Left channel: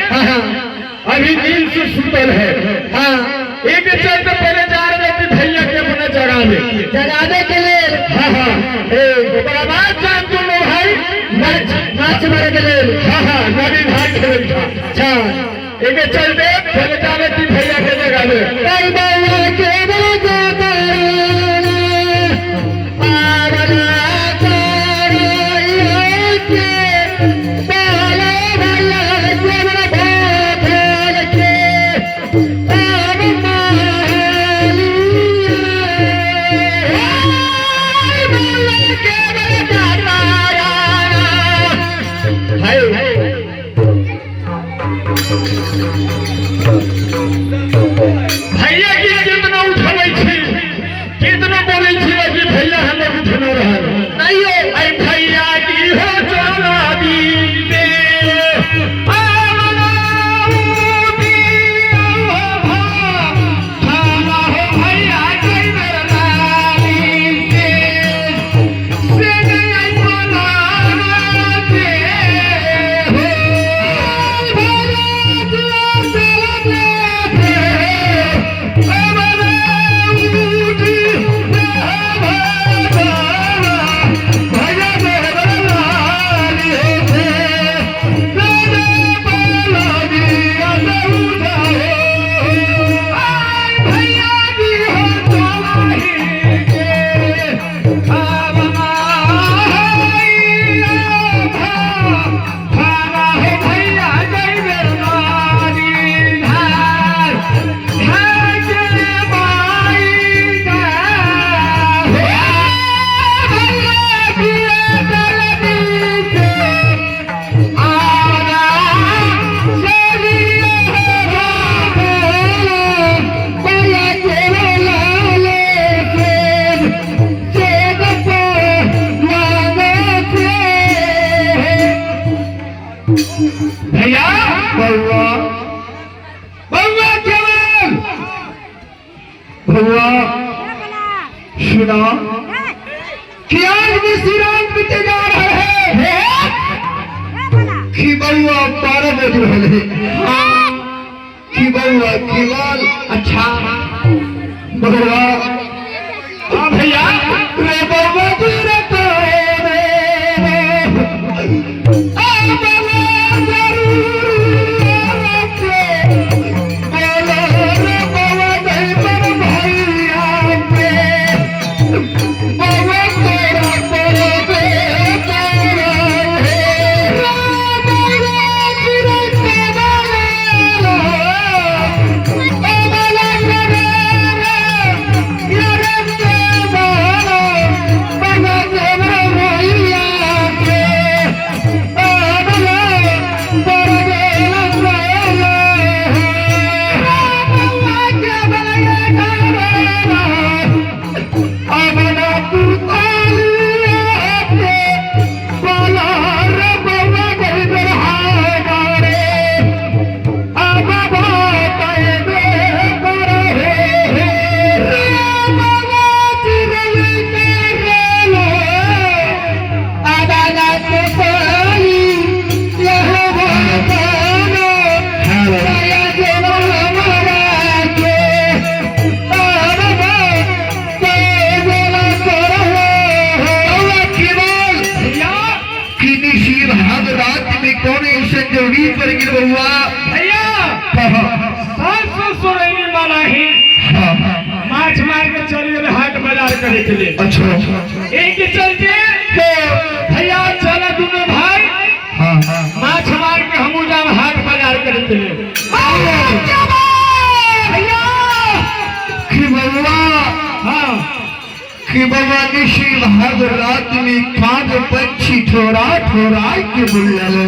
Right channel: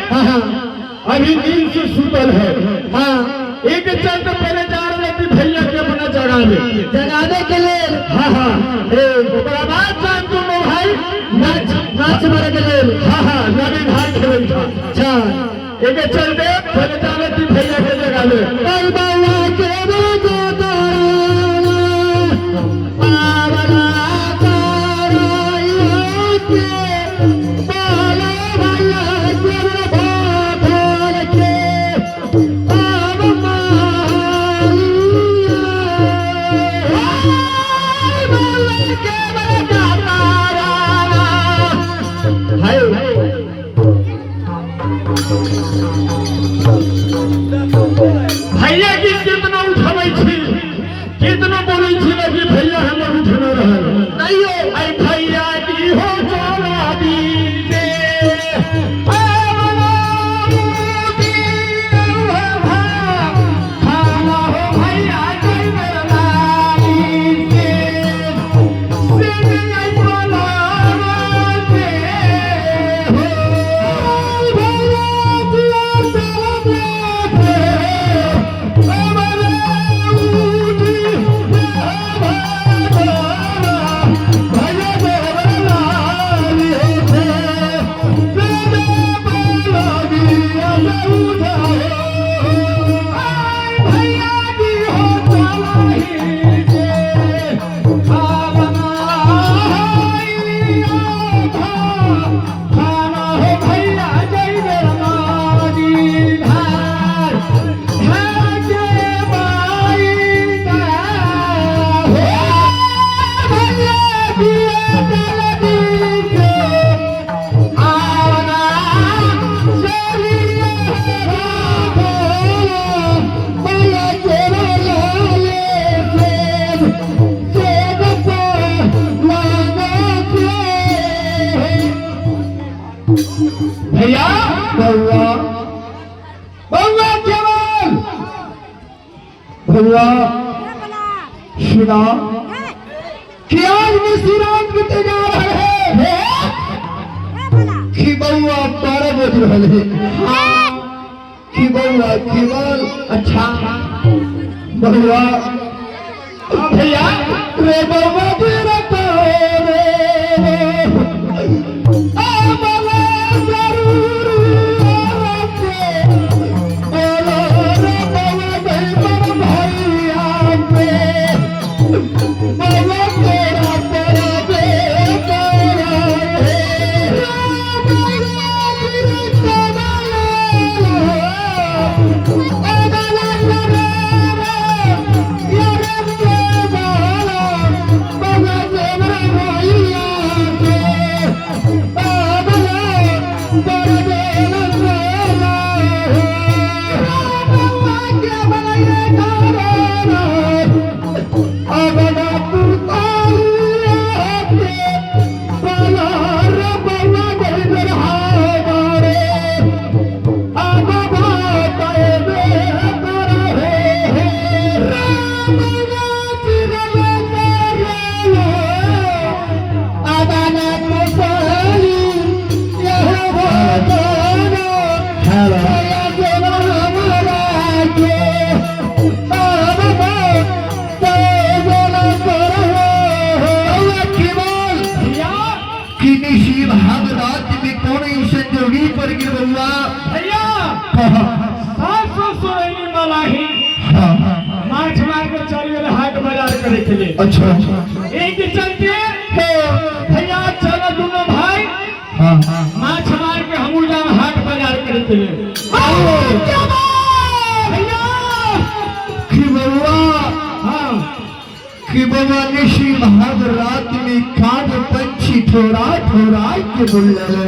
अभी नींद से सुतल है। हाँ एक चलते पहले जा रहे थे भैया के अपना जगाने के लिए। हाँ हाँ बाद जान तुम भाई नाच मारे के लिए। हाँ हाँ नदी भाई खेल था। अच्छा एक चलते पहले जा रहे थे भैया के जगाने। भैया की कितना उठने थी कितना बोली थी कि भैया हम लोग उठने रहे नहीं है भैया की हो चला दीजिए भैया बउआ बउआ केवल बउआ सुना कि आज में श्री राम बीते जा रहे हैं कि बउआ 12 बज रहे कि बउआ केवल अच्छा बउआ भैया रे बउआ अच्छा एक चलते भैया चलो दोनों भाई हाँ माछ मार के हमू जाम हाट बाजार करते भैया कि बउआ हाँ कि बउआ निशी भाग रात में काग पंछी ठोरा ठोरा के बुल्लल